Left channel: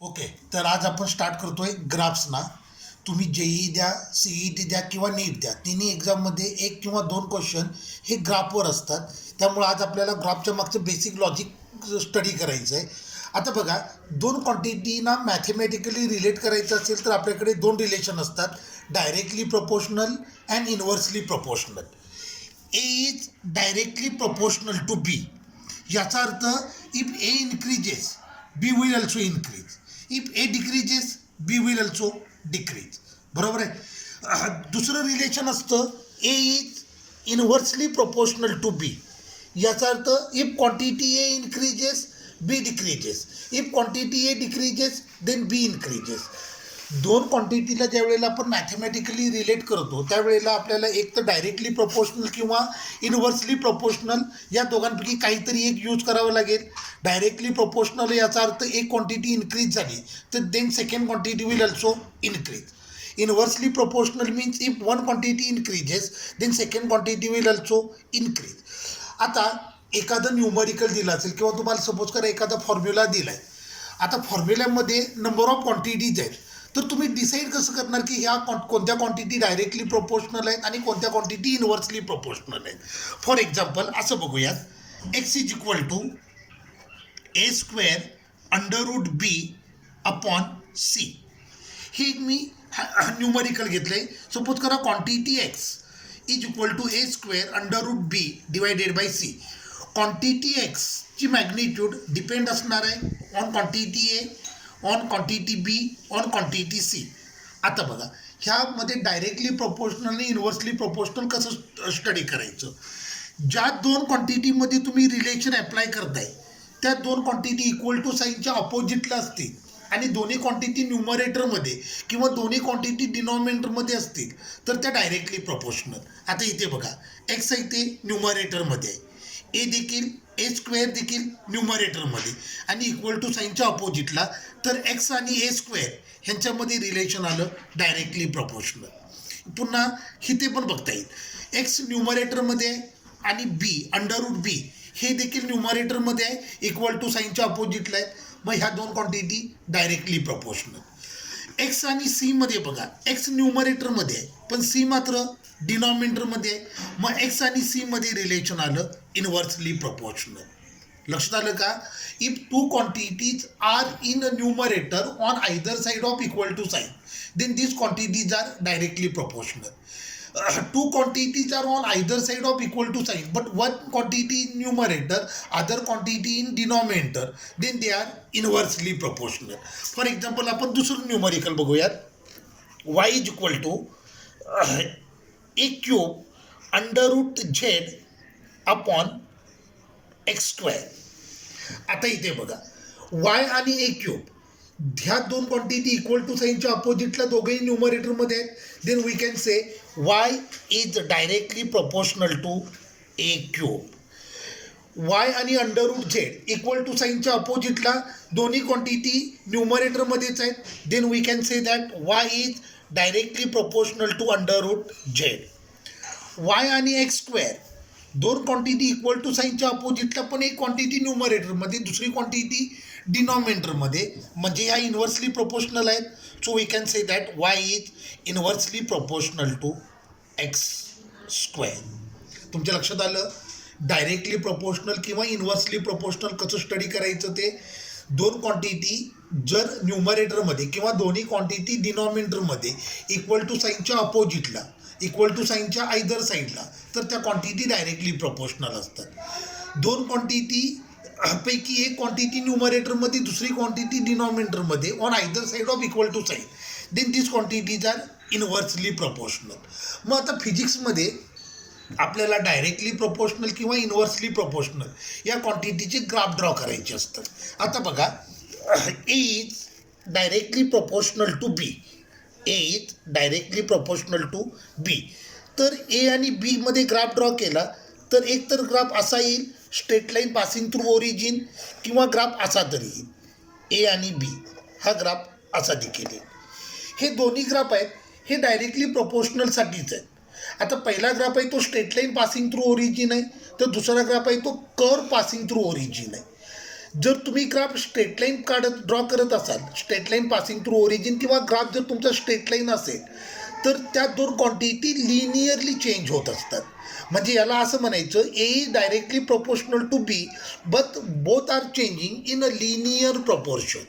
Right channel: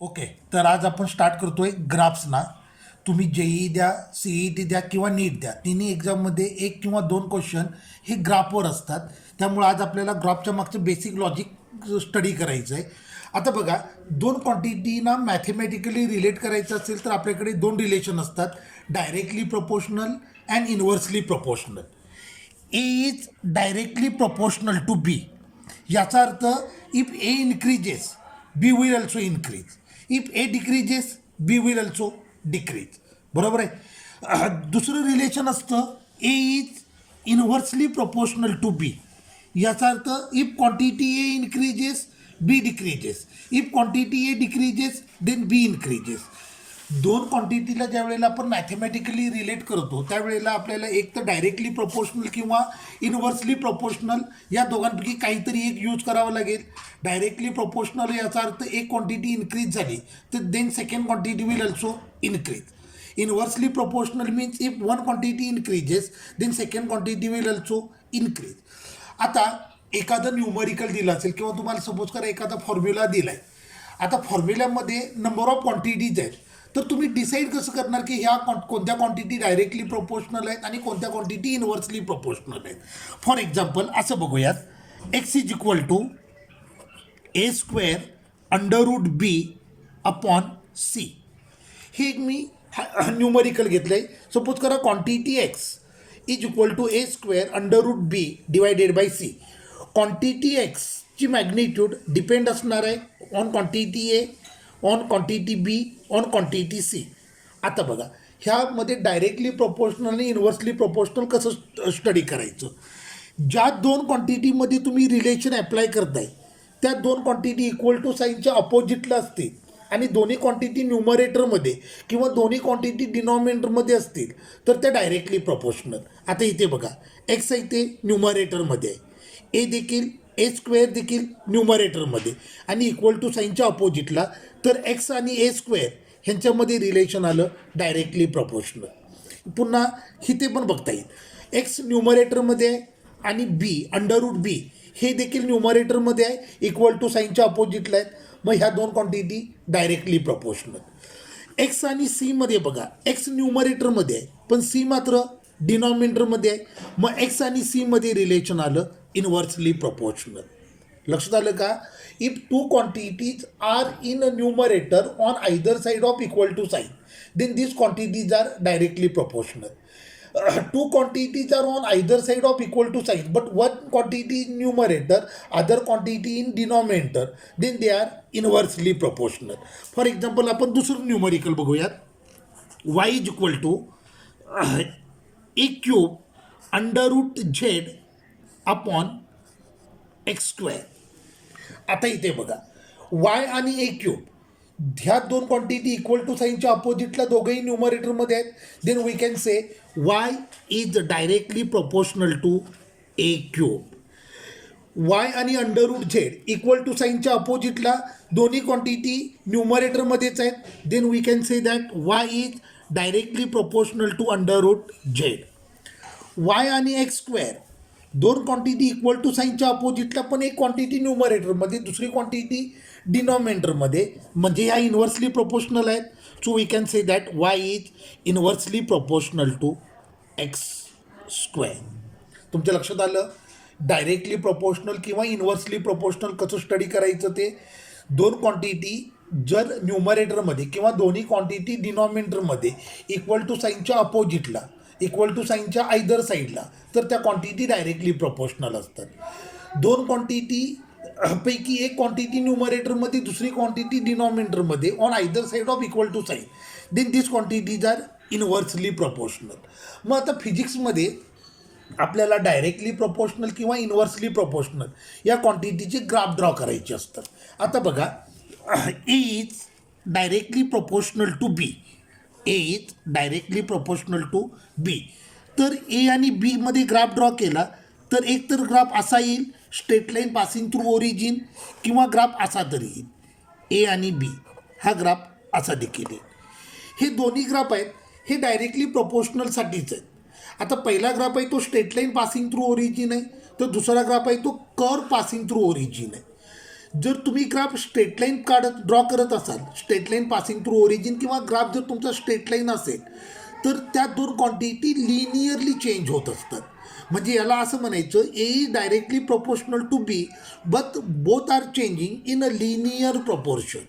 Okay. तर आज आपण स्टार्ट करतोय ग्राफ्सना. तुम्ही जेई द्या, सीईटी द्या किंवा नीट द्या, तिन्ही एक्झाममध्ये एक किंवा दोन क्वेश्चन हे ग्राफवर असतात. त्यामुळे आज आपल्याला ग्राफच्या मागचं बेसिक लॉजिक स्टडी करायचं आहे. आता बघा, दोन क्वांटिटीना मॅथमॅटिकली रिलेट करायचं असेल तर आपल्याकडे दोन रिलेशन असतात, directly proportional and inversely proportional. A is directly proportional to B. याचा अर्थ if A increases B will also increase, if A decreases B will also decrease. बरोबर आहे. दुसरं रिलेशन असतं A is inversely proportional to B. याचा अर्थ if quantity A increases B decreases, if quantity A decreases then B increases. दोन क्वांटिटीला ज्या वेळेला आपण मॅथमॅटिकली रिलेट करतो त्यावेळेला आपल्याला एक तर डायरेक्टली प्रोपोर्शनल किंवा इन्व्हर्सली प्रोपोर्शनल या दोघांपैकी काहीतरी एक यूज करावं लागेल. डायरेक्टली प्रोपोर्शनल याचा अर्थ एक क्वांटिटी इन्क्रीज झाली तर then second quantity will also increase. Inversely proportional means if one quantity increases then second quantity will also increase. आता एखादं न्यूमरिकल दिलं असेल किंवा तुम्हाला सपोज करा एखादा फॉर्म्युला दिला आहे. आता फॉर्म्युल्यामध्ये नंबर ऑफ क्वांटिटीज आहेत, तर तुम्ही डिसाईड कसं करणार की ह्या कोणत्या क्वांटिटी डायरेक्टली प्रोपोर्शनल आहेत आणि कोणत्या क्वांटिटी इन्व्हर्सली प्रोपोर्शनल आहेत. फॉर एक्झाम्पल असं बघूयात, X is equal to A square under root B upon C. ही मी न्यूमरिकल घेतलं आहे. सपोज करा quantity X is equal to A square under root B divided by C. Quantity एक्सची magnitude depend असणार आहे on quantity A, on quantity B, on quantity C. आता बघा, ह्यामध्ये डायरेक्टली प्रोपोर्शनल आणि इन्व्हर्सली प्रोपोर्शनल कसं स्टडी करायचं. ज्या दोन क्वांटिटीमध्ये तुम्ही रिलेशन अप्लाय करताय त्या दोन क्वांटिटी इक्वल टू साईनच्या अपोजिटला असतील आणि दोन्ही क्वांटिटी न्यूमरेटरमध्ये किंवा दोन्ही क्वांटिटी डिनॉमिनेटरमध्ये असतील तर त्या डायरेक्टली प्रोपोर्शनल. आता इथे बघा, एक्स इथे न्यूमरेटरमध्ये आहे, ए देखील ए स्क्वेअर देखील न्यूमरेटरमध्ये आणि इक्वल टू साईनच्या अपोजिटला, तर एक्स आणि ए स्क्वेअर ह्यांच्यामध्ये रिलेशन आलं डायरेक्टली प्रोपोर्शनल. पुन्हा इथे पण बघता येईल, एक्स न्यूमरेटरमध्ये आहे आणि बी अंडर रूट बी हे देखील न्यूमरेटरमध्ये आहे, इक्वल टू साईनच्या अपोजिटला आहेत. मग ह्या दोन क्वांटिटी डायरेक्टली प्रोपोर्शनल. एक्स आणि सीमध्ये बघा, एक्स न्यूमरेटरमध्ये आहे पण सी मात्र डिनॉमिनेटरमध्ये आहे. मग एक्स आणि सीमध्ये रिलेशन आलं इन्व्हर्सली प्रोपोर्शनल. लक्षात आलं का? If two quantities are in a numerator on either side of equal to sign then this quantities are directly proportional. Two quantities are on either side of equal to sign, but one quantity in numerator, other quantity in denominator, then they are inversely proportional. For example, आपण दुसरं numerical बघूयात. y is equal to a cube under root z upon x square. आता इथे बघा, y आणि a cube ह्या दोन quantity equal to साईनच्या अपोजिटला दोघंही न्यूमरेटरमध्ये आहेत. Then we can say y is directly proportional to A cube. y आणि under root Z equal to साईनच्या अपोजिटला दोन्ही क्वांटिटी न्यूमरेटरमध्येच आहेत. Then we can say that y is directly proportional to under root Z. y आणि X square दोन quantity equal to साईनच्या अपोजिटला पण एक क्वांटिटी न्यूमरेटरमध्ये दुसरी क्वांटिटी डिनॉमिनेटरमध्ये, म्हणजे ह्या इन्व्हर्सली प्रोपोर्शनल आहेत. So we can say that Y is inversely proportional to X square. तुमच्या लक्षात आलं डायरेक्टली प्रोपोर्शनल किंवा इन्व्हर्सली प्रोपोर्शनल कसं स्टडी करायचं ते. दोन क्वांटिटी जर न्यूमरेटरमध्ये किंवा दोन्ही क्वांटिटी डिनॉमिनेटरमध्ये इक्वल टू साईनच्या अपोजिटला, इक्वल टू साईनच्या आयदर साईडला, तर त्या क्वांटिटी डायरेक्टली प्रोपोर्शनल असतात. दोन क्वांटिटी पैकी एक क्वांटिटी न्यूमरेटरमध्ये दुसरी क्वांटिटी डिनॉमिनेटरमध्ये on either side of equal to sign then this quantities are inversely proportional. मग आता फिजिक्समध्ये आपल्याला डायरेक्टली प्रोपोर्शनल किंवा इन्व्हर्सली प्रोपोर्शनल या क्वांटिटीचे ग्राफ ड्रॉ करायचे असतात. आता बघा, A is directly proportional to B, A is directly proportional to B. तर ए आणि बीमध्ये ग्राफ ड्रॉ केला तर एक तर ग्राफ असा येईल straight line passing through origin, किंवा ग्राफ असा तरी येईल ए आणि बी, हा ग्राफ असा देखील येईल. हे दोन्ही ग्राफ आहेत हे डायरेक्टली प्रोपोर्शनलसाठीच आहेत. आता पहिला ग्राफ आहे तो straight line passing through origin आहे, तर दुसरा ग्राफ आहे तो कर्व पासिंग थ्रू ओरिजिन आहे. जर तुम्ही ग्राफ स्ट्रेट लाईन ड्रॉ करत असाल, straight line passing through origin, किंवा ग्राफ जर तुमचा स्ट्रेट लाईन असेल, तर त्या दोन क्वांटिटी लिनियरली चेंज होत असतात. म्हणजे याला असं म्हणायचं, A is directly proportional to B but both are changing in a linear proportion.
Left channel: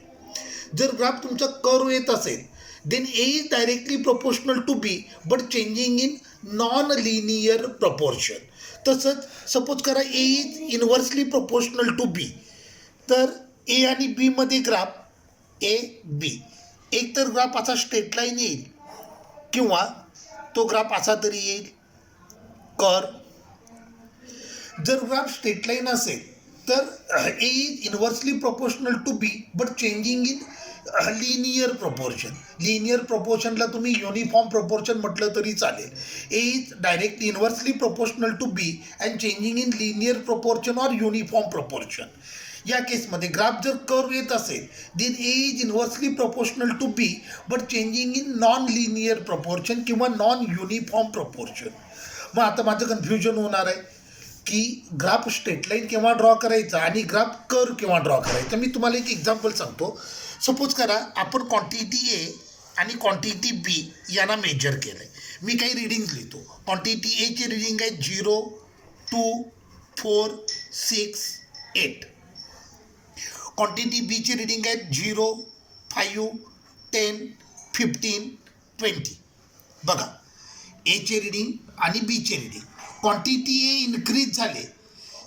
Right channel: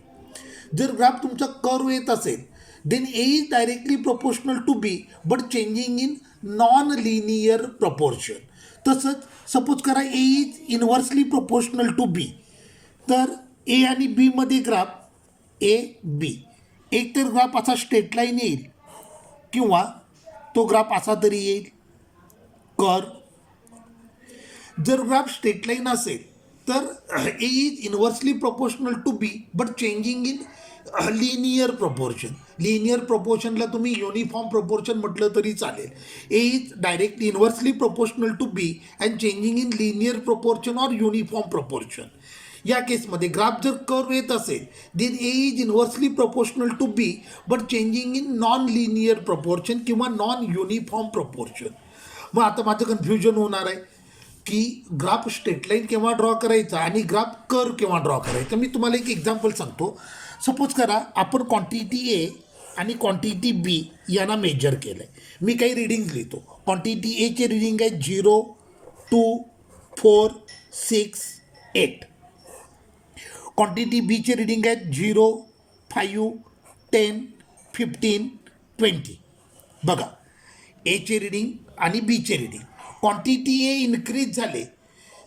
जर ग्राफ तुमचा कर्व येत असेल, then A is directly proportional to B but changing in non linear proportion. तसंच सपोज करा A is inversely proportional to B, तर A आणि बीमध्ये graph A B, एक तर ग्राफ असा स्ट्रेट लाईन येईल किंवा तो ग्राफ असा तरी येईल कर्व. जर ग्राफ स्ट्रेट लाईन असेल तर A is inversely proportional to B but changing in linear proportion. Linear प्रपोर्शनला तुम्ही युनिफॉर्म प्रपोर्शन म्हटलं तरी चालेल. A is directly inversely proportional to B and changing in linear proportion or uniform proportion. या केसमध्ये graph जर कर्व येत असेल, then A is inversely proportional to B but changing in non linear proportion किंवा non uniform proportion. मग आता माझं confusion होणार आहे की ग्राफ स्ट्रेट लाईन केव्हा ड्रॉ करायचा आणि ग्राफ कर्व केव्हा ड्रॉ करायचा. मी तुम्हाला एक एक्झाम्पल सांगतो. सपोज करा आपण क्वांटिटी ए आणि क्वांटिटी बी यांना मेजर केलं आहे. मी काही रिडिंग्स लिहितो. क्वांटिटी एचे रिडिंग आहे 0, 2, 4, 6, 8. क्वांटिटी बीचे रिडिंग आहेत 0, 5, 10, 15, 20. बघा, एचे रिडिंग आणि बीचे रिडिंग. क्वांटिटी ए इन्क्रीज झाले,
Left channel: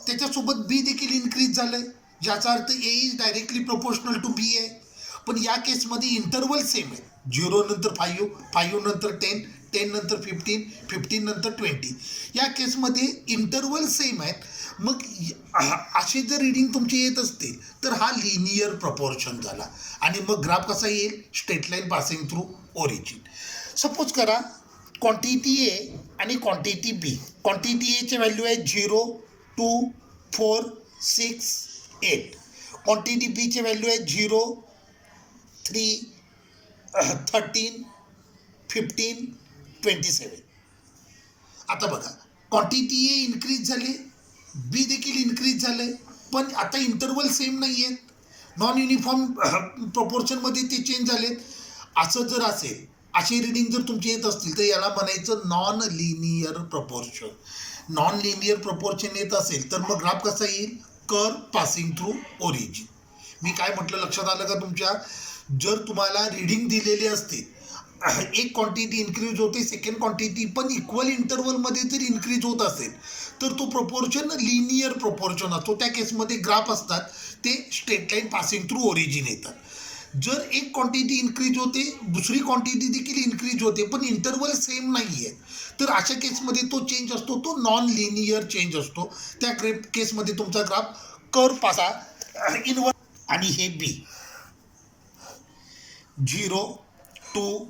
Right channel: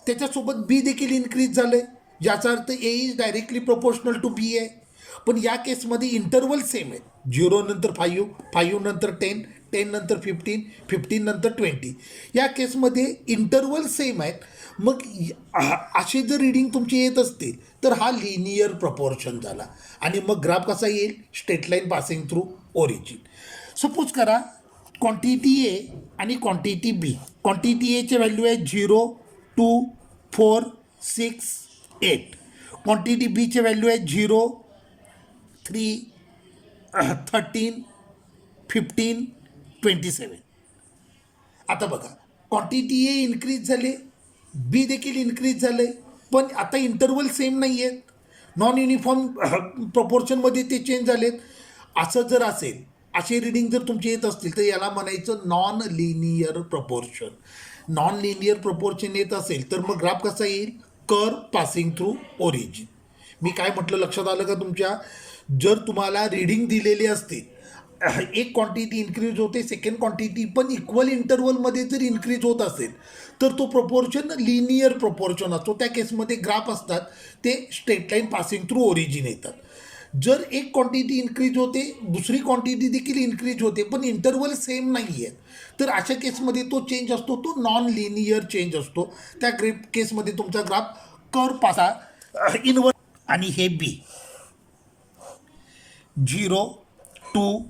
त्याच्यासोबत बी देखील इन्क्रीज झालं आहे, ज्याचा अर्थ ए इज डायरेक्टली प्रोपोर्शनल टू बी आहे. पण या केसमध्ये इंटरवल सेम आहे. 0 नंतर 5, 5 नंतर 10, 10 नंतर 15, 15 नंतर 20. या केसमध्ये इंटरवल सेम आहेत. मग असे जर रिडिंग तुमचे येत असते तर हा लिनियर प्रपोर्शन झाला आणि मग ग्राफ कसा येईल, straight line passing through origin. Suppose करा क्वांटिटी ए आणि क्वांटिटी बी. क्वांटिटी एचे व्हॅल्यू आहे 0, 2, 4, 6, 8. क्वांटिटी बीचे व्हॅल्यू आहे 0, 3, 13, 15, 27. आता बघा, क्वांटिटी ए इन्क्रीज झाले, बी देखील इन्क्रीज झाले, पण आता इंटरवल सेम नाही आहेत. नॉन युनिफॉर्म प्रपोर्शनमध्ये ते चेंज झालेत. असं जर असेल, असे रिडिंग जर तुमचे येत असतील तर याला म्हणायचं non linear proportion. Non linear proportion येत असेल तर मग ग्राफ कसा येईल, कर्व पासिंग थ्रू ओरिजिन. मी काय म्हटलं लक्षात आलं का तुमच्या? जर तुम्हाला रिडिंग दिलेली असते, एक क्वांटिटी इन्क्रीज होते, सेकंड क्वांटिटी पण इक्वल इंटरवलमध्ये जर इन्क्रीज होत असेल तर तो प्रपोर्शन लिनियर प्रपोर्शन असतो. त्या केसमध्ये ग्राफ असतात ते straight line passing through origin येतात. जर एक क्वांटिटी इन्क्रीज होते, दुसरी क्वांटिटी देखील इन्क्रीज होते, पण इंटरवल सेम नाही आहे, तर अशा केसमध्ये तो चेंज असतो, तो नॉन लिनियर चेंज असतो. त्या केसमध्ये तुमचा ग्राफ कर्व पासा इनवर्स. आणि हे बी 0, 2,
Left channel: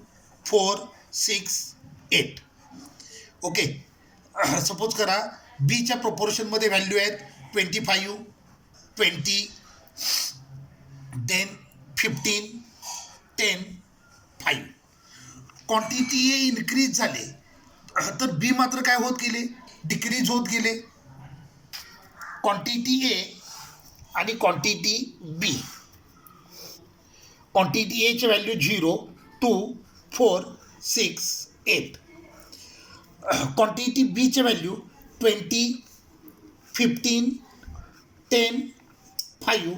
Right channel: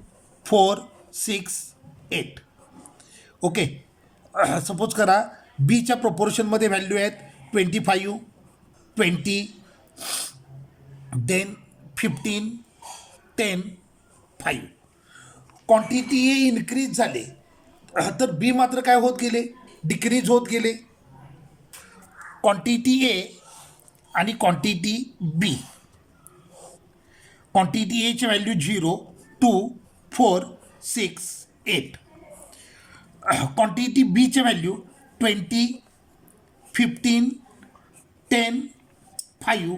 4, 6, 8. ओके. सपोज करा बीच्या प्रपोर्शनमध्ये व्हॅल्यू आहेत 25, 20, देन 15, 10, 5. क्वांटिटी ए इन्क्रीज झाले तर बी मात्र काय होत गेले, डिक्रीज होत गेले. क्वांटिटी ए आणि क्वांटिटी बी. क्वांटिटी एचे व्हॅल्यू 0, 2, 4, 6, 8. क्वांटिटी बीचे व्हॅल्यू 20, 15, 10, 5,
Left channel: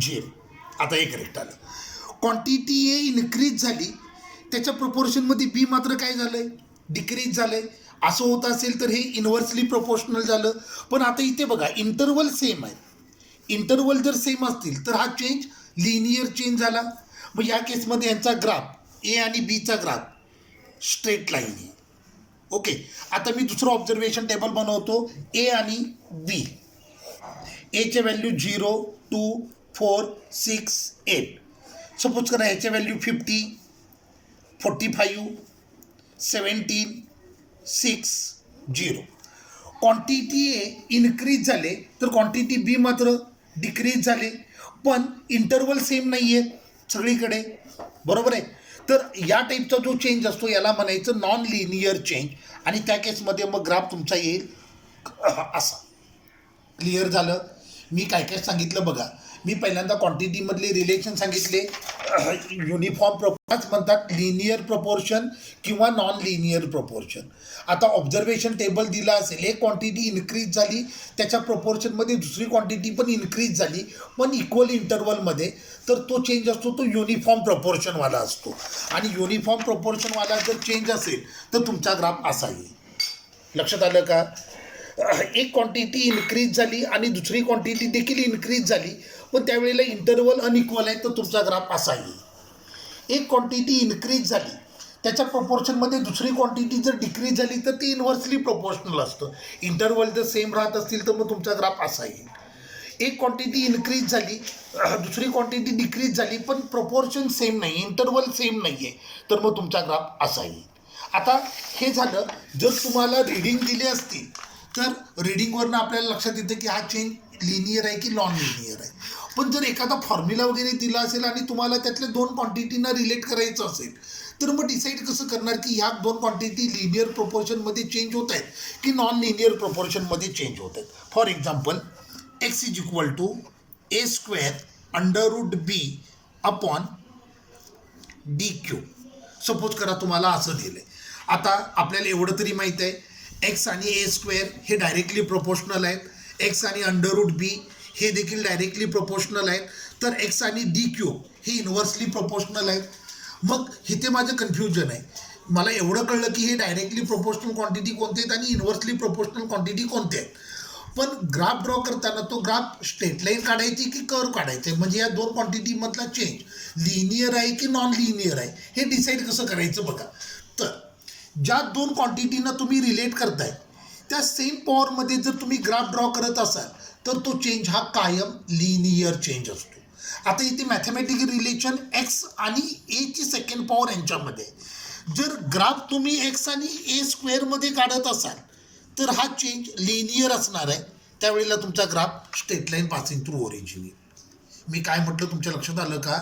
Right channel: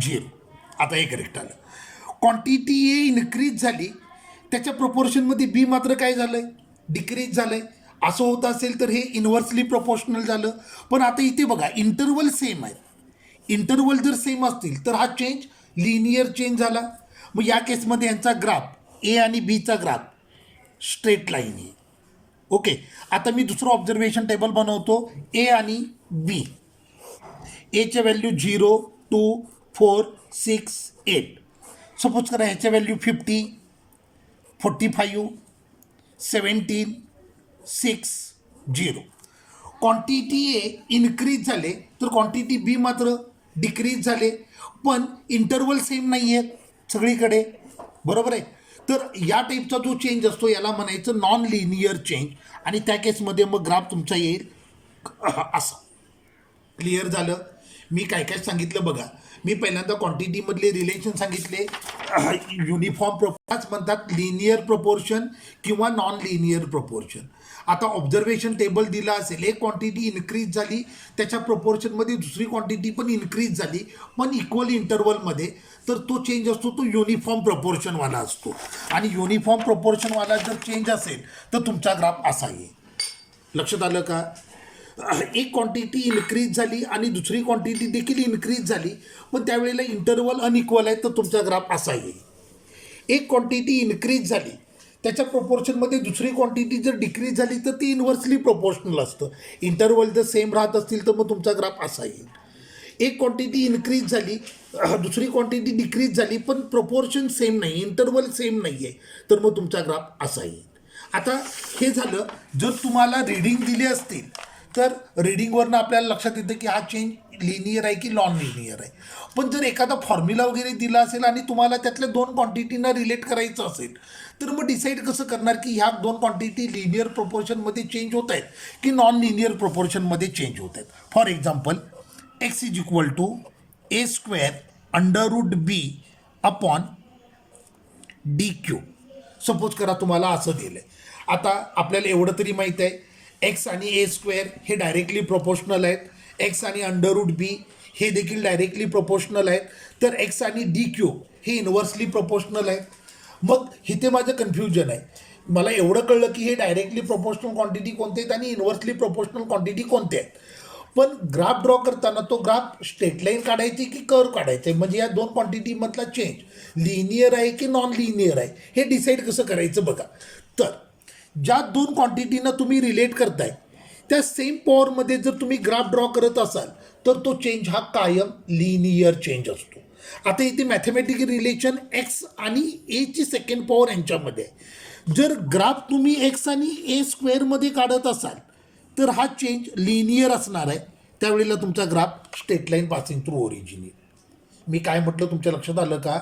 0. आता हे करेक्ट आलं. क्वांटिटी ए इन्क्रीज झाली, त्याच्या प्रपोर्शनमध्ये बी मात्र काय झालं आहे, डिक्रीज झालं आहे. असं होत असेल तर हे इन्व्हर्सली प्रोपोर्शनल झालं. पण आता इथे बघा, इंटरवल सेम आहे. इंटरवल जर सेम असतील तर हा चेंज लिनियर चेंज झाला. मग या केसमध्ये यांचा ग्राफ ए आणि बीचा ग्राफ स्ट्रेट लाईन आहे. ओके. आता मी दुसरं ऑब्झर्वेशन टेबल बनवतो, ए आणि बी. एचे व्हॅल्यू 0, 2, 4, 6, 8. सपोज करा ह्याच्या व्हॅल्यू 50, 45, 17, 6, 0. क्वांटिटी ए इन्क्रीज झाले तर क्वांटिटी बी मात्र डिक्रीज झाले, पण इंटरवल सेम नाही आहेत सगळीकडे, बरोबर आहे. तर या टाईपचा जो चेंज असतो याला म्हणायचं नॉन लिनियर चेंज. आणि त्या केसमध्ये मग ग्राफ तुमचा येईल असा. क्लिअर झालं? मी काय काय सांगितलं बघा. मी पहिल्यांदा क्वांटिटीमधले रिलेशन सांगितले. युनिफॉर्म प्रपोर्शनच म्हणतात लिनियर प्रपोर्शन किंवा नॉन लिनियर प्रपोर्शन. आता ऑब्झर्वेशन टेबल दिला असेल, एक क्वांटिटी इन्क्रीज झाली त्याच्या प्रपोर्शनमध्ये दुसरी क्वांटिटी पण इन्क्रीज झाली पण इक्वल इंटरवलमध्ये, तर तो चेंज असतो तो युनिफॉर्म प्रपोर्शनवाला असतो. आणि युनिफॉर्म प्रपोर्शनवाला जर चेंज असेल तर तुमचा ग्राफ असा येईल. लक्षात आलं का? एक क्वांटिटी इन्क्रीज झाली आणि दुसरी क्वांटिटी देखील इन्क्रीज झाली पण त्यावेळेला इंटरवल अनइक्वल आहे, तर तुमचा ग्राफ असा येईल. एक क्वांटिटी इन्क्रीज झाली त्याच्या प्रपोर्शनमध्ये दुसरी क्वांटिटी जर डिक्रीज झाली तर ती इन्व्हर्सली प्रोपोर्शनल असतं. इंटरवल जर सेम राहत असतील तर मग तुमचा ग्राफ असा येईल. एक क्वांटिटी इन्क्रीज झाली दुसरी क्वांटिटी डिक्रीज झाली पण प्रपोर्शन सेम नाही, इंटरवल सेम नाही आहे, तर मग तुमचा ग्राफ असा येईल. आता हे झालं जर तुम्हाला रिडिंग दिली असतील तर रिडिंगवरनं आपल्याला लक्षात येतं की हा चेंज लिनियर आहे की नॉन लिनियर आहे. पण जर एखादा फॉर्म्युला वगैरे दिला असेल आणि तुम्हाला त्यातल्या दोन क्वांटिटींना रिलेट करायचं असेल तर मग डिसाईड कसं करणार की ह्या दोन क्वांटिटी लिनियर प्रोपोर्शनमध्ये चेंज होत आहेत की नॉन लिनियर प्रोपोर्शनमध्ये चेंज होत आहेत. For example X is equal to A square under root B upon D Q. Suppose करा तुम्हाला असं दिलं आहे. आता आपल्याला एवढं तरी माहीत आहे एक्स आणि ए स्क्वेअर हे डायरेक्टली प्रोपोर्शनल आहेत, एक्स आणि अंडर रूट बी हे देखील डायरेक्टली प्रोपोर्शनल आहेत, तर एक्स आणि डी क्यूब हे इन्व्हर्सली प्रोपोर्शनल आहेत. मग इथे माझं कन्फ्युजन आहे. मला एवढं कळलं की हे डायरेक्टली प्रोपोर्शनल क्वांटिटी कोणते आहेत आणि इन्व्हर्सली प्रोपोर्शनल क्वांटिटी कोणते आहेत. पण ग्राफ ड्रॉ करताना तो ग्राफ स्ट्रेट लाईन काढायची की कर्व काढायचं आहे, म्हणजे या दोन क्वांटिटीमधला चेंज लिनियर आहे की नॉन लिनियर आहे हे डिसाईड कसं करायचं बघा. तर ज्या दोन क्वांटिटींना तुम्ही रिलेट करताय त्या सेम पॉवरमध्ये जर तुम्ही ग्राफ ड्रॉ करत असाल तर तो चेंज हा कायम लिनियर चेंज असतो. आता इथे मॅथमॅटिकल रिलेशन एक्स आणि एची सेकंड पॉवर यांच्यामध्ये आहे. जर ग्राफ तुम्ही एक्स आणि ए स्क्वेअरमध्ये काढत असाल तर हा चेंज लिनियर असणार आहे. त्यावेळेला तुमचा graph straight line passing through origin येईल. मी काय म्हटलं तुमच्या लक्षात आलं का?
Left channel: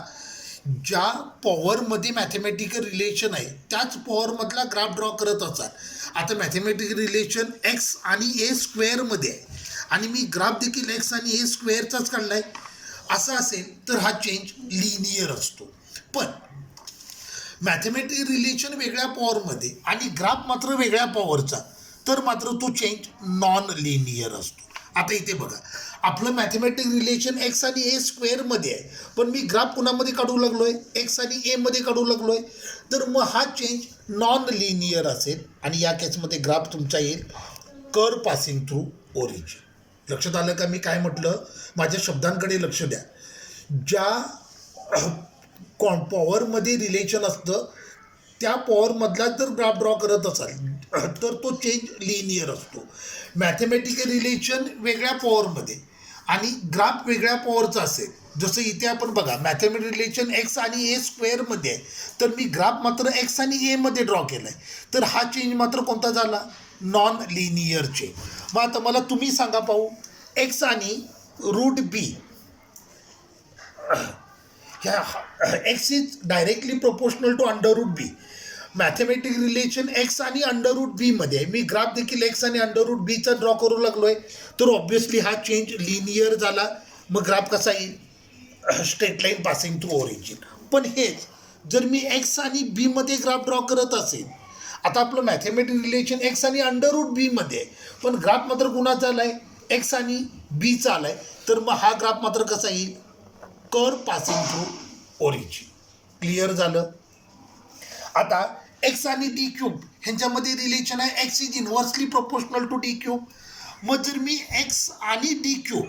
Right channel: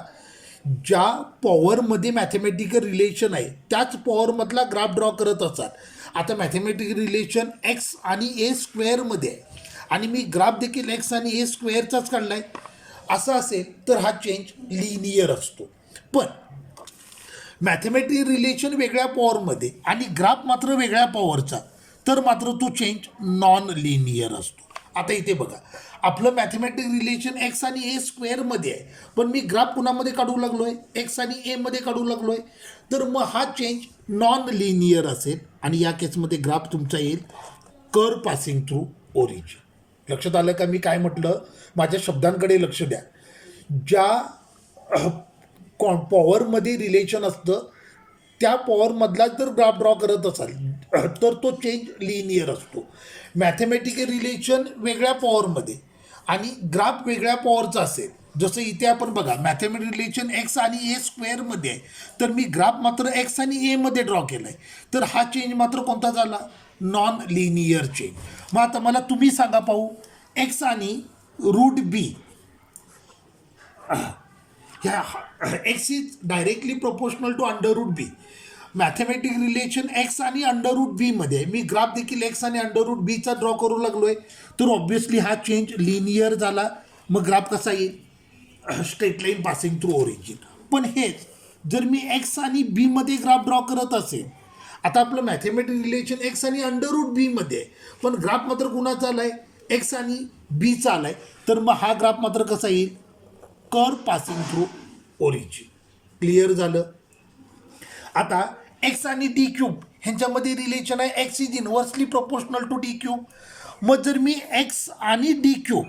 ज्या पॉवरमध्ये मॅथमॅटिकल रिलेशन आहे त्याच पॉवरमधला ग्राफ ड्रॉ करत असाल. आता मॅथमॅटिकल रिलेशन एक्स आणि ए स्क्वेअरमध्ये आहे आणि मी ग्राफ देखील एक्स आणि ए स्क्वेअरचाच काढला आहे असं असेल तर हा चेंज लिनियर असतो. पण मॅथमॅटिकल रिलेशन वेगळ्या पॉवरमध्ये आणि ग्राफ मात्र वेगळ्या पॉवरचा, तर मात्र तो चेंज नॉन लिनियर असतो. आता इथे बघा आपलं मॅथमॅटिकल रिलेशन एक्स आणि ए स्क्वेअरमध्ये आहे पण मी ग्राफ कुणामध्ये काढू लागलो आहे? एक्स आणि एमध्ये काढू लागलो आहे, तर मग हा चेंज नॉन लिनियर असेल आणि या केसमध्ये ग्राफ तुमचा येईल कर्व पासिंग थ्रू ओरिजिन. लक्षात आलं का मी काय म्हटलं? माझ्या शब्दांकडे लक्ष द्या. ज्या पॉवरमध्ये रिलेशन असतं त्या पॉवरमधला जर ग्राफ ड्रॉ करत असाल तर तो चेंज लिनियर असतो. मॅथमॅटिकल रिलेशन वेगळ्या पॉवरमध्ये आणि ग्राफ वेगळ्या पॉवरचा असेल, जसं इथे आपण बघा मॅथमॅटिकल रिलेशन एक्स आणि ए स्क्वेअरमध्ये आहे तर मी ग्राफ मात्र एक्स आणि एमध्ये ड्रॉ केला आहे, तर हा चेंज मात्र कोणता झाला? Non linear change. मग आता मला तुम्ही सांगा पाहू, एक्स आणि रूट बी ह्या X is directly proportional to under root B. Mathematical relation X आणि अंडर रूट बीमध्ये आहे, मी ग्राफ देखील एक्स आणि अंडर रूट बीचा ड्रॉ करू लागलो आहे, तर ऑब्व्हियसली हा चेंज लिनियर झाला. मग ग्राफ कसा येईल? Straight line passing through origin. पण हेच जर मी एक्स आणि बीमध्ये ग्राफ ड्रॉ करत असेल, आता आपलं मॅथमॅटिकल रिलेशन एक्स आणि अंडर रूट बीमध्ये आहे पण ग्राफ मात्र कुणाचा आला आहे? एक्स आणि बीचा आला आहे, तर मग हा ग्राफ मात्र कसा येईल? Curve passing through origin. Clear झालं? आता एक्स आणि डी क्यूब ह्यांच्यामध्ये रिलेशन आहे X is inversely proportional to D cube. मग जर मी एक्स आणि डी क्यूब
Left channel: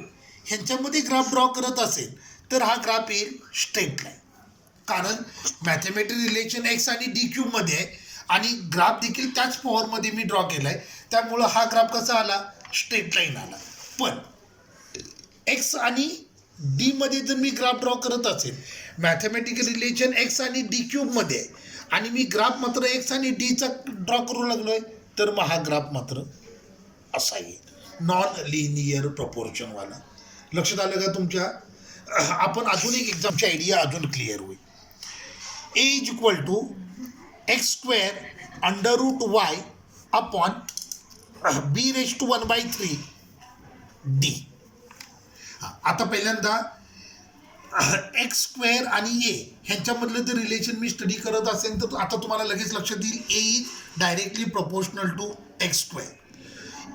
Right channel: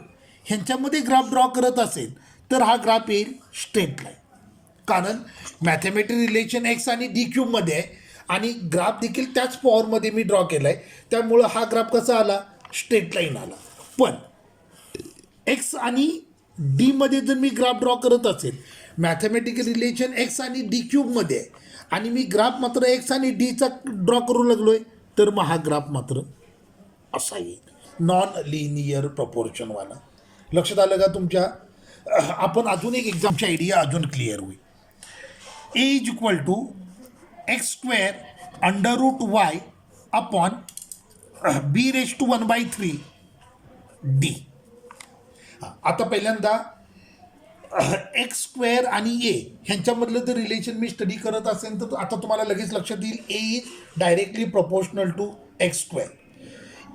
ह्यांच्यामध्ये ग्राफ ड्रॉ करत असेल तर हा ग्राफ येईल स्ट्रेट लाईन. कारण मॅथमॅटिकल रिलेशन एक्स आणि डी क्यूबमध्ये आहे आणि ग्राफ देखील त्याच पॉवरमध्ये मी ड्रॉ केला आहे, त्यामुळं हा ग्राफ कसा आला? स्ट्रेट लाईन आला. पण एक्स आणि डीमध्ये जर मी ग्राफ ड्रॉ करत असेल, मॅथमॅटिकल रिलेशन एक्स आणि डी क्यूबमध्ये आहे आणि मी ग्राफ मात्र एक्स आणि डीचा ड्रॉ करू लागलो आहे, तर मग हा ग्राफ मात्र असा येईल, नॉन लिनियर प्रपोर्शनवाला. लक्षात आलं का तुमच्या? आपण अजून एक एक्झामची आयडिया अजून क्लिअर होईल. A is equal to X square under root Y upon B raise to 1/3 D. आता पहिल्यांदा एक्स स्क्वेअर आणि ए ह्यांच्यामधलं जर रिलेशन मी स्टडी करत असेल तर आता तुम्हाला लगेच लक्षात येईल A is directly proportional to X square.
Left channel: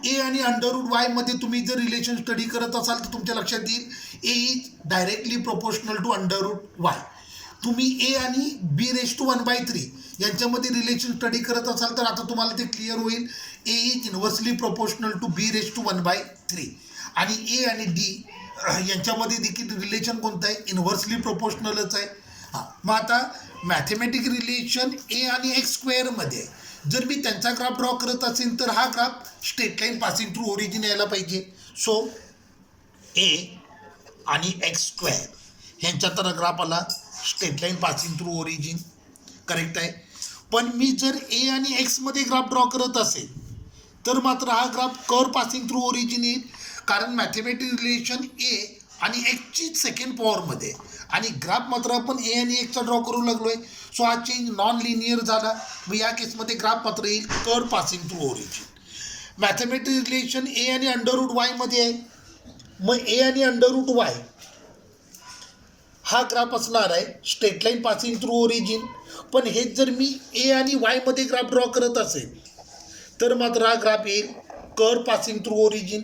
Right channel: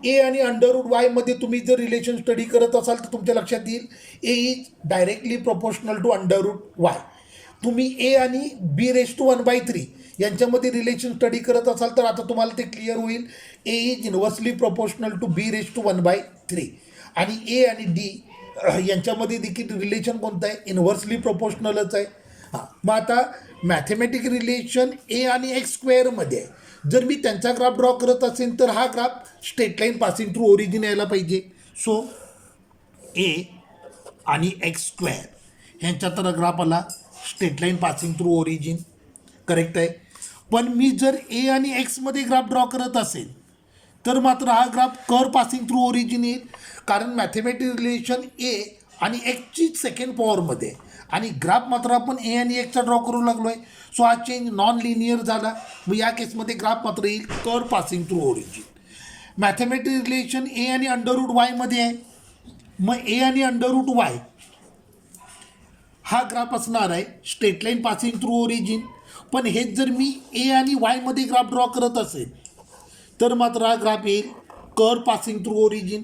A आणि अंडररूट वायमध्ये तुम्ही जर रिलेशन स्टडी करत असाल तर तुमच्या लक्षात येईल A is directly proportional to under root Y. तुम्ही ए आणि बी रेस टू 1/3 यांच्यामध्ये रिलेशन स्टडी करत असाल तर आता तुम्हाला ते क्लिअर होईल A is inversely proportional to B raise to 1/3. आणि ए आणि डी यांच्यामध्ये देखील रिलेशन कोणतं आहे, इन्व्हर्सली प्रोपोर्शनलच आहे. हां, मग आता मॅथमॅटिक रिलेशन ए आणि एक्स स्क्वेअरमध्ये जर मी त्यांचा ग्राफ ड्रॉ करत असेल तर हा graph straight line passing through origin यायला पाहिजे. सो ए आणि एक्स स्क्वेअर ह्यांच्या तर ग्राफ आला straight line passing through origin, correct आहे. पण मी जर ए आणि एक्समध्ये ग्राफ ड्रॉ करत असेल तर मात्र हा graph curve passing through origin येईल, कारण मॅथमॅटिक रिलेशन ए आणि एक्सची सेकंड पॉवरमध्ये आणि ग्राफ मात्र आपण ए आणि एक्सचा ड्रॉ करू लागलो आहे. सो हा चेंज नॉन लिनियर झाला. मग या केसमध्ये ग्राफ मात्र येईल curve passing through origin. Mathematic relation A आणि अंडररूट वायमध्ये आहे. मग ए आणि अंडररूट वाय हा ग्राफ असणार आहे straight line passing through origin. पण हेच जर मी ए आणि वायमध्ये ग्राफ ड्रॉ करत असेल तर मात्र हा ग्राफ येईल कर्व पासिंग थ्रू ओरिजिन,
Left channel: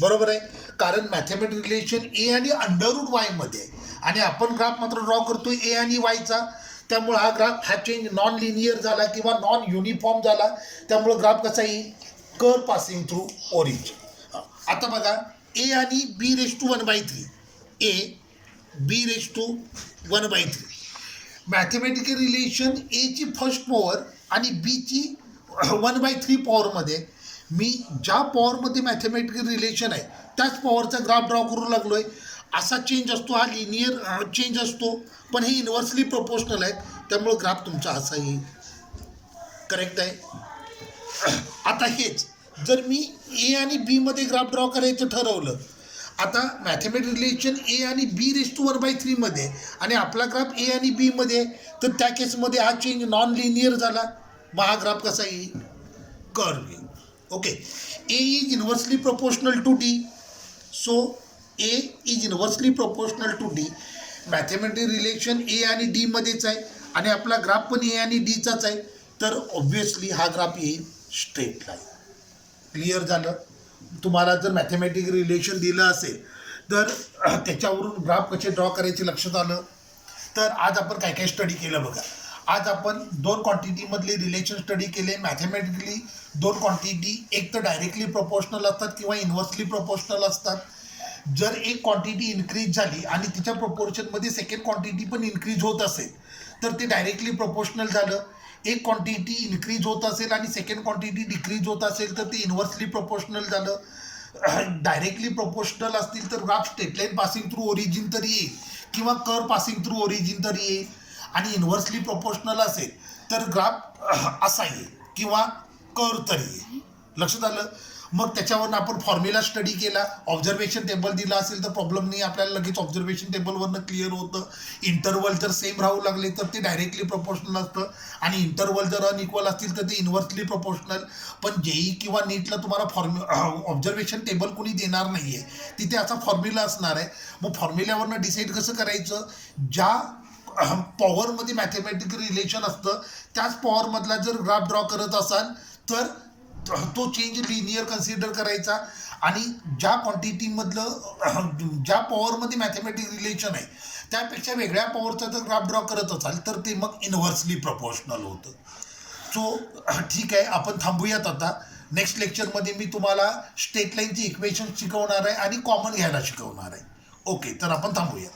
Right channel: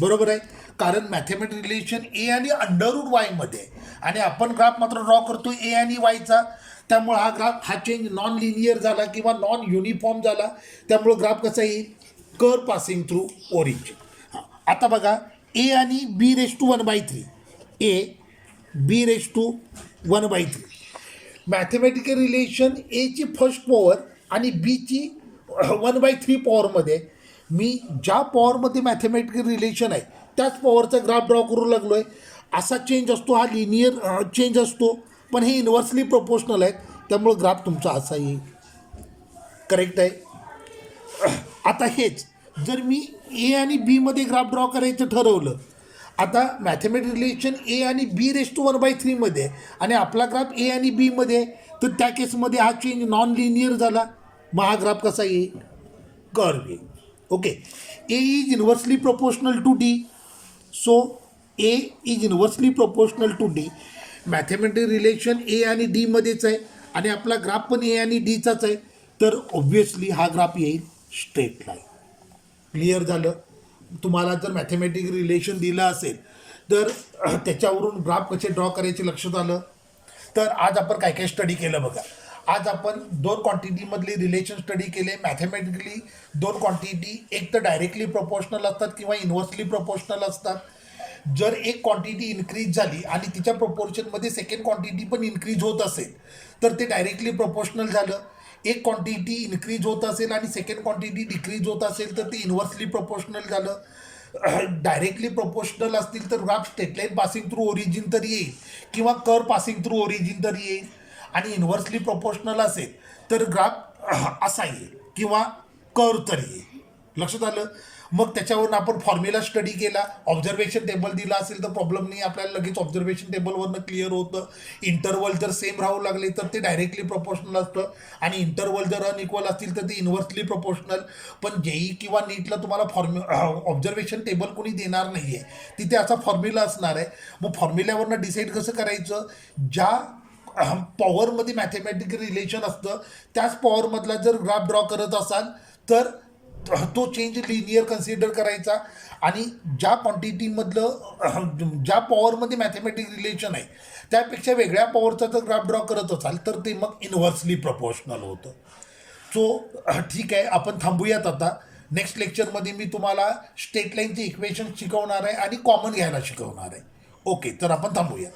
बरोबर आहे. कारण मॅथमॅटिक रिलेशन ए आणि अंडररूट वायमध्ये आणि आपण ग्राफ मात्र ड्रॉ करतो ए आणि वायचा, त्यामुळे हा ग्राफ हा चेंज नॉन लिनियर झाला किंवा नॉन युनिफॉर्म झाला. त्यामुळं ग्राफ कसा येईल कर्व पासिंग थ्रू ओरिजिन. आता बघा ए आणि B raise to 1/3, A B raise to 1/3 mathematical relation एची फर्स्ट पॉवर आणि बीची 1/3 पॉवरमध्ये मी ज्या पॉवरमध्ये मॅथमॅटिकल रिलेशन आहे त्याच पॉवरचा ग्राफ ड्रॉ करू लागलो आहे. असा चेंज असतो, हा लिनियर चेंज असतो, पण हे इन्व्हर्सली प्रोपोर्शनल आहेत, त्यामुळं ग्राफ तुमचा असा येईल, करेक्ट आहे. आता हेच जर मी ए आणि बीमध्ये ग्राफ ड्रॉ करायचं ठरवलं, आता मॅथमॅटिक रिलेशन ए आणि बी रेस टू 1/3 आणि आपला ग्राफ ए आणि बीमध्ये आहे, तर त्या केसमध्ये हा चेंज नॉन लिनियर झाला. मग हा ग्राफ कसा येईल कर्व येईल. Okay, A is inversely proportional to D. So A is inversely proportional to D. Mathematic relation A आणि डीमध्येच आहे आणि आपला ग्राफ पण ए आणि डीचाच आहे, तर ऑब्व्हियसली हा ग्राफ येईल स्ट्रेट लाईन. क्लिअर झालं. तुम्हाला जर मॅथमॅटिक रिलेशन दिलं असेल तर त्याच्यावरून ग्राफ कसे ड्रॉ करायचे लक्षात आलं. तर आज आपण काय काय स्टडी केलं बघा. आज आपण दोन क्वांटिटीमधले रिलेशन स्टडी केले. मॅथमॅटिकली दोन क्वांटिटी एक तर डायरेक्टली प्रोपोर्शनल असतात किंवा इन्व्हर्सली प्रोपोर्शनल असतात. जर एक क्वांटिटी इन्क्रीज झाली आणि तिच्या प्रोपोर्शनमध्ये सेकंड क्वांटिटी पण इन्क्रीज होत असेल तर ते डायरेक्टली प्रोपोर्शनल झालं. एक क्वांटिटी इन्क्रीज होत असेल आणि सेकंड क्वांटिटी डिक्रीज होत असेल तर ते इन्व्हर्सली प्रोपोर्शनल झालं. डायरेक्टली प्रोपोर्शनल असतील तर graph straight line passing through origin तर येईल किंवा कर्व पासिंग थ्रू ओरिजिन तर येईल. आणि इन्व्हर्सली प्रोपोर्शनल असेल तर ग्राफ असा येईल किंवा कर्व तर येईल. लक्षात आलं. मग त्याच्यावरून आपण फॉर्म्युला स्टडी केला. ऑब्झर्वेशन टेबल दिला असेल तर प्रॉब्लेम नाही, आपल्याला लगेच ऑब्झर्वेशन टेबलवरनं क्लिअर होतं. इंटरवल जर सेम राहू लागले तर ते डायरेक्टली प्रोपोर्शनल असतं आणि इंटरवल जर अनइक्वल असतील तर ते इन्व्हर्सली प्रोपोर्शनल. पण जेई किंवा नीटला तुम्हाला ऑब्झर्वेशन टेबल कोणी देणार नाही आहे, तिथे असा फॉर्म्युला असणार आहे. मग फॉर्म्युल्यावरनं डिसाईड कसं करायचं, ज्या पॉवरमध्ये मॅथमॅटिकल रिलेशन असतं त्याच पॉवरमधला जर ग्राफ ड्रॉ करत असाल तर तो चेंज लिनियर कन्सिडर करायचा. आणि ज्या क्वांटिटीमधलं ज्या पॉवरमध्ये मॅथमॅटिक रिलेशन आहे त्यापेक्षा वेगळ्या पॉवरचा जर ग्राफ ड्रॉ करत असाल तर ते मग इन्व्हर्सली प्रोपोर्शनल होतं. सो ठीक आहे, आपण थांबूयात आता. नेक्स्ट लेक्चरमध्ये मी तुम्हाला स्ट्रेट लाईनची इक्वेशन शिकवणार आहे आणि कॉमन घ्यायला शिकवणार आहे. ओके, तर आपण थांबूया.